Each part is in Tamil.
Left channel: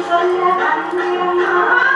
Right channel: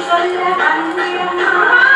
சொல்ல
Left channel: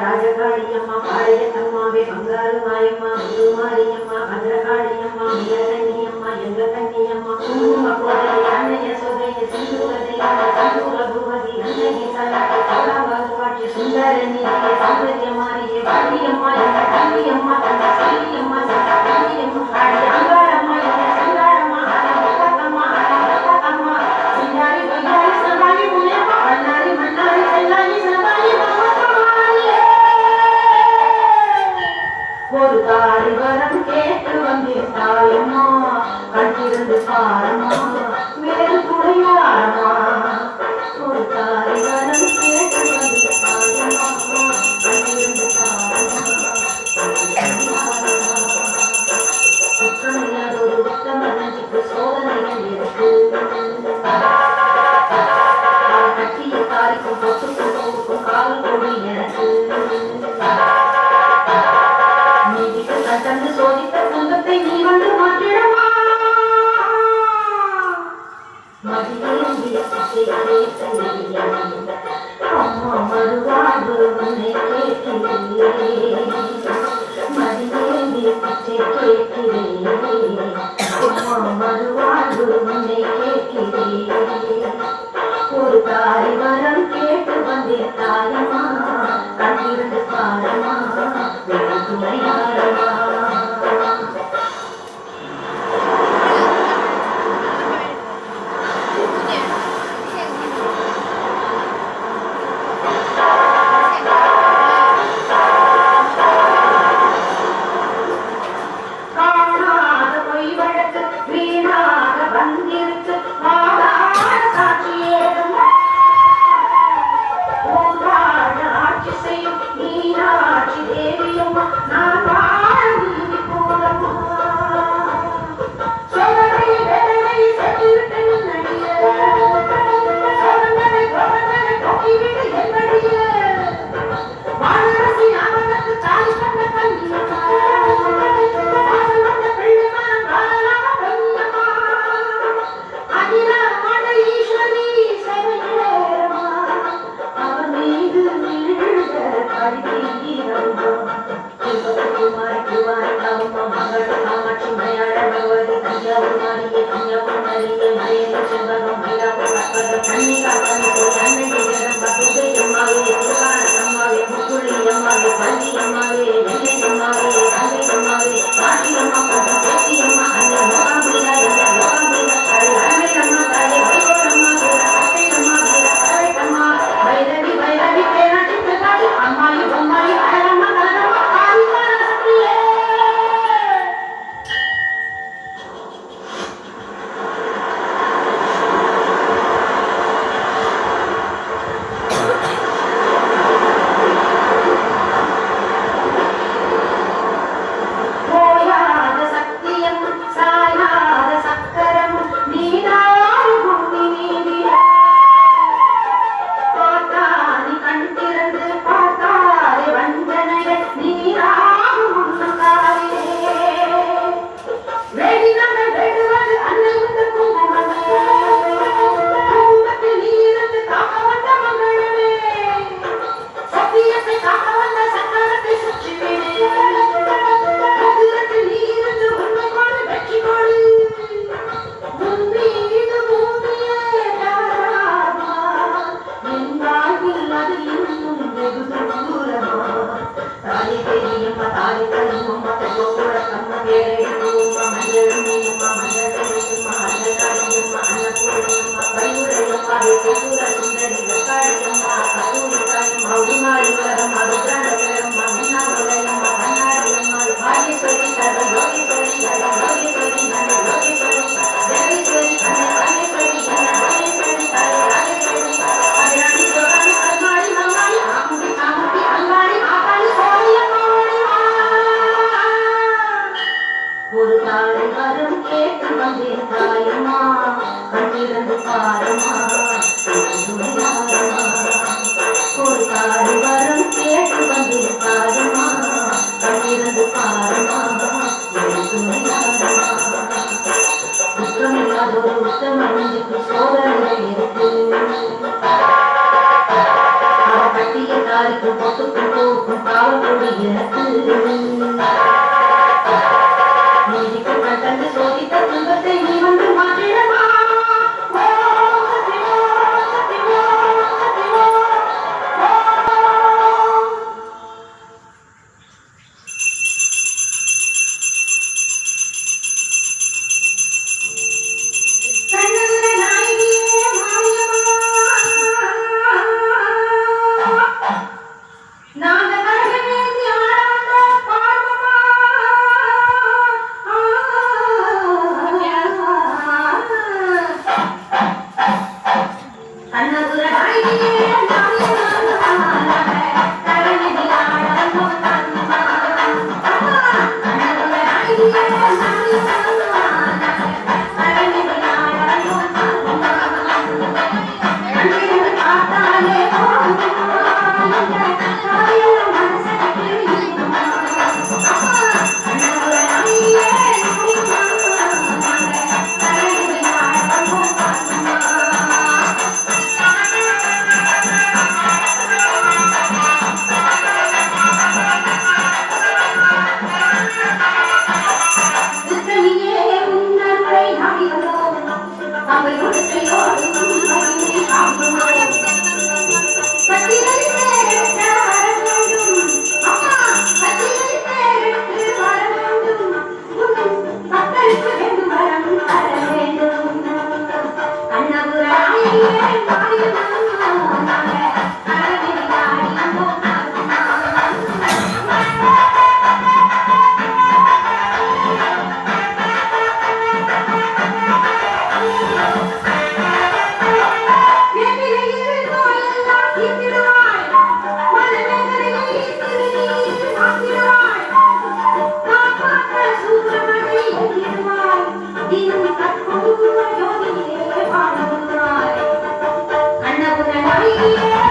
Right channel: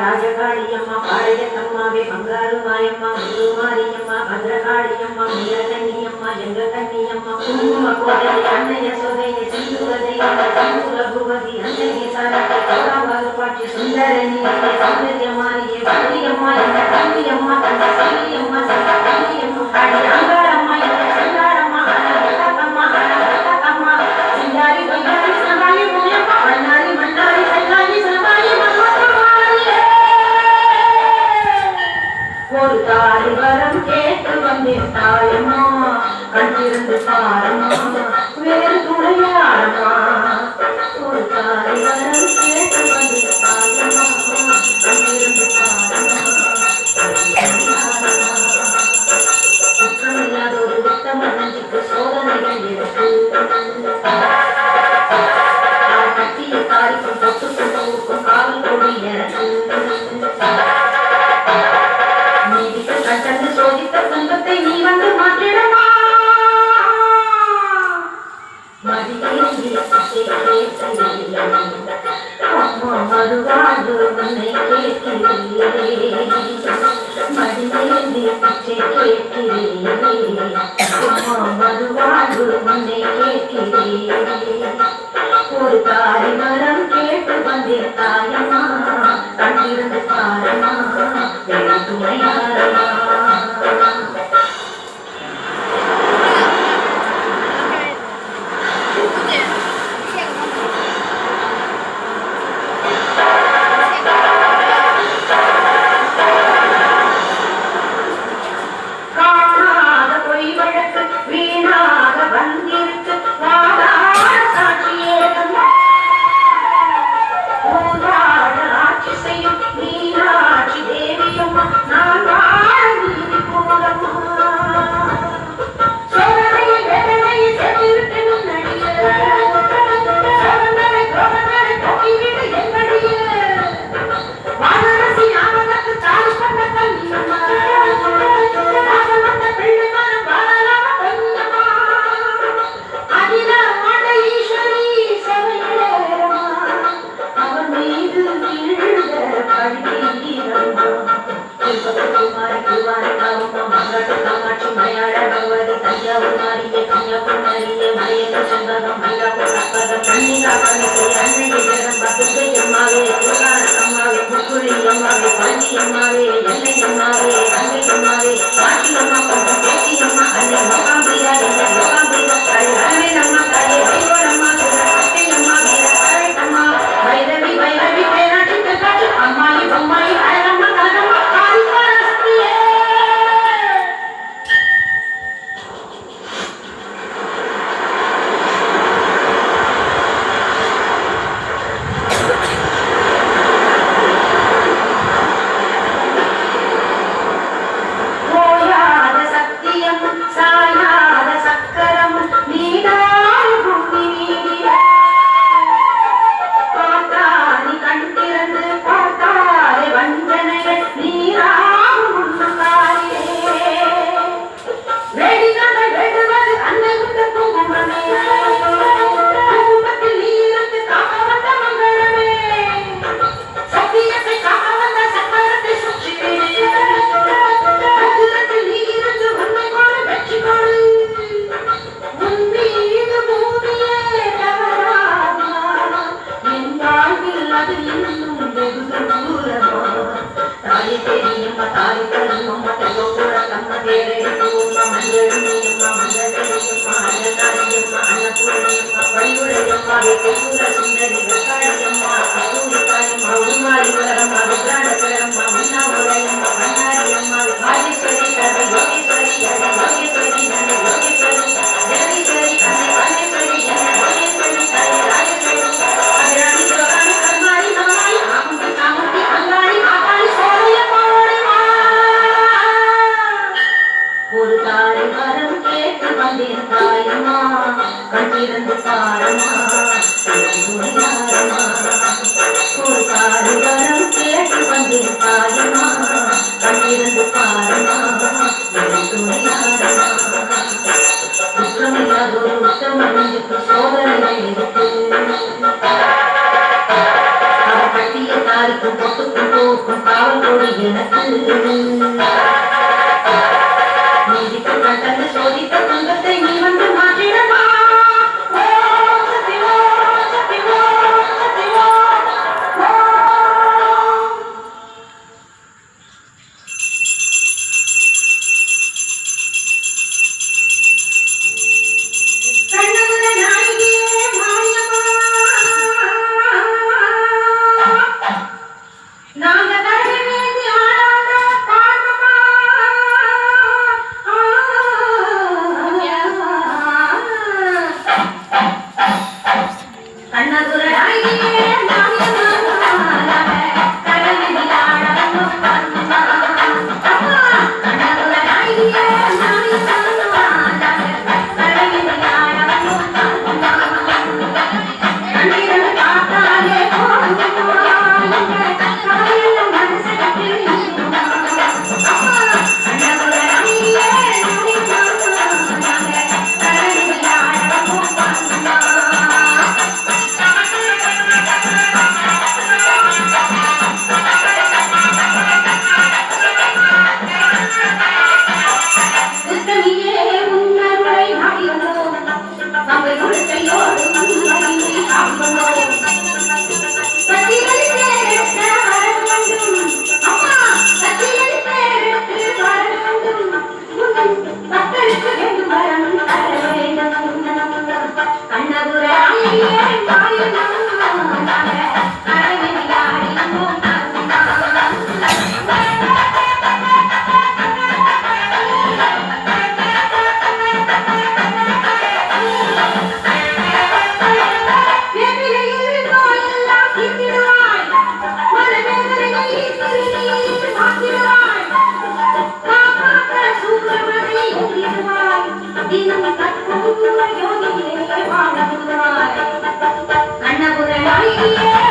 ராஜகாளியம்மா பாளையத்தம்மாவே பங்காருமாயம்மா மாரியம்மா பத்ரகாளியம்மா நீலகண்ணியம்மா ஜெங்ககண்ணியம்மா குங்குமகோதரி அன்னைய சோதைய சிந்துரதி சிந்துர புவதி அன்னைய சரணத்தை கலாவாது பாட்சி சுந்தரணி சௌந்தரியமாரியே பாரியம்மா எங்க தம்பியம்மா தந்த சல்லியம்மா சந்த தம்பியம்மா ஆடி அங்காரம்மா எங்க சங்காரம்மா அலகத்தம்மா அலகத்தம்மா சிந்தாரி பையாரி சலபாயி முனியம்மா மன்னாரி மன்னாரி சல்லாயி சலபாயி ஒரு தாரி வரம் கேட்டு வந்திருந்தாயம்மா கண்டிருந்து பாரம்மா வேறு துணையாரம்மா ஒரு தாரி வரம் கேட்டு வந்திருந்தாயம்மா கண்டிருந்து குற்றமில்லாத ஒரு திட்டம் நெஞ்சுக்கு சோதனைகள் இருக்கு கட்டிய தாரிக்கும் பொட்டுக்கும் ஊருக்கும் காவல் கொடி எனக்கு கண்டு சோதித்த துன்பத்தை நீ வந்து மாற்றிடமா மதியே குமாரி குமாரி தாவம்மா மங்கள காமாட்சி மலையாள பகவதி தஞ்சாவூர் மாரியே கன்னியாகுமரியே மலையக செல்வகம் மயிலாப்பூர் அக்கரம் கன்னிகா கணிசை அன்னையை ஜெகம்ப துர்கை அம்மாவே துர்கான அம்மாவே முக்குழி அம்மாவே பள்ளி அம்மாவே எல்லை அம்மாவே அங்கை அம்மாவே காட்டி அம்மா கொஞ்சம் பேட்டி அம்மா அன்னை மகாம்பியா என்ற மகாம்பியா தாய் அன்னை அம்மா தாயே வைகோர் அம்மா அத்தை அம்மா வீர அழை அம்மா வைரவி வைரவி பேராட்டி காட்டி அம்மாயி பொம்மாயி அழகம்மா கலகம்மா காளி பராசக்தியே ஓயாத சத்தியம் சாயாத சக்கரம் நீனாய் பூமி மீதிலே பார்த்தாரி கண் திறந்து பார்த்தாரை வஞ்சனைகள் நீராகும் முன்னுக்காரியே வெடிகள் வெடுவது அன்னை முந்த குங்குமமே குங்குமத்தில் நீருக்கு காக்க வந்த மங்களமே சத்தியத்தை காக்க வந்த சக்கரத்தை சுற்றி மந்திரத்தில் நீருக்கு உண்மை கோடு வெற்றி கோடு உன்மீது பூமியே யாராகுமா என் வாழ்வில் அது இன்னும் வெகு தூரமா தாயை தெரியுமா தாயை தருமம்மா தெய்வக்கூட தம்ம தேரையுமா மஞ்சளியம்மா மஞ்சளியம்மா அன்னதாரியம்மா அன்னபூரணியம்மா கையுடையம்மா வெற்றியூர சுந்தரி வெக்காளியம்மா கத்தூரிக்காயம்மா உருமாறி வளரம்மா ருத்ராடகரம்மா மன்னாவுடையம்மா மன்னாரியம்மா வாகேஸ்வரி கதை யோகேஸ்வரி கதை யோகேஸ்வரி நன்னை யோகேஸ்வரி ஜெகேஸ்வரி அன்னை வாகேஸ்வரி அன்னை யோகேஸ்வரி தாய் ராஜேஸ்வரி அபிராமி சோராணி கல்மாரி கல்மாரி ஆமுதி ஆமுதி அங்காளி ஆகாளி சோழையம்மா ஓடிவா ஒரு தாய் மரம் கேட்டு வந்திருந்தாயம்மா கண்ணிருந்து பாரம்மா துணியாரம்மா ஒரு தாய் மரம் கேட்டு வந்திருந்தாயம்மா கண்ணிருந்து பாரம்மா துணியாரம்மா குற்றமில்லாதொரு உத்தமனுக்கு சோதனை இருக்கு அவர் கட்டிய தாரிக்கு பொட்டுக்கும் போக்கும் காவல் கொடி எனக்கு நீதிக்கு கட்டந்து சோதித்த துன்பத்தை நீ வந்து மாற்றிடமா ஓம் சக்தி ஓம் சக்தி ஓம் சக்தி ஓம் ஓம் கண்ணகுல நாயகியே மாரியம்மா நாங்க தரவேந்தி ஆடாத பாடமா கண்ணகுல நாயகியே மாரியம்மா தரவேந்தி ஆடாத பாடமா கண்ணகுல நாயகியே மாரியம்மா தரவேந்தி ஆடாத பாடமா கண்ணிரண்டு பார்த்தாலே போதும் கவலையெல்லாம் மனசை தெரியும் கண்ணகுல நாயகியே மாரியம்மா தரவேந்தி ஆடாத பாடமா திருத்தணியே உன்னருளை நாடினோம் அவை கொடுத்தையோடு நம்மை காண்போம் பத்திரை பேரெடுத்து வர வேண்டும் அம்மா பத்திரை பேரெடுத்து வர வேண்டும் உன் மக்களுக்கு வேண்டும் வரம் தர வேண்டும் கண்ணபுர நாயகியே மாரியம்மா கண்ணபுர நாயகியே